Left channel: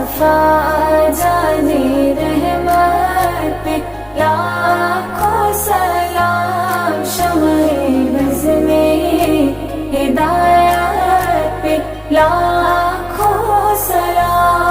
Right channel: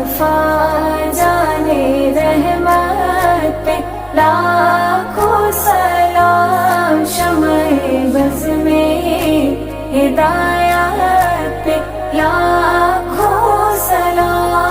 मुस्तफा जाने रहमत पे लाखों सलाम। शम्ए बज़ में हिदायत पे लाखों सलाम।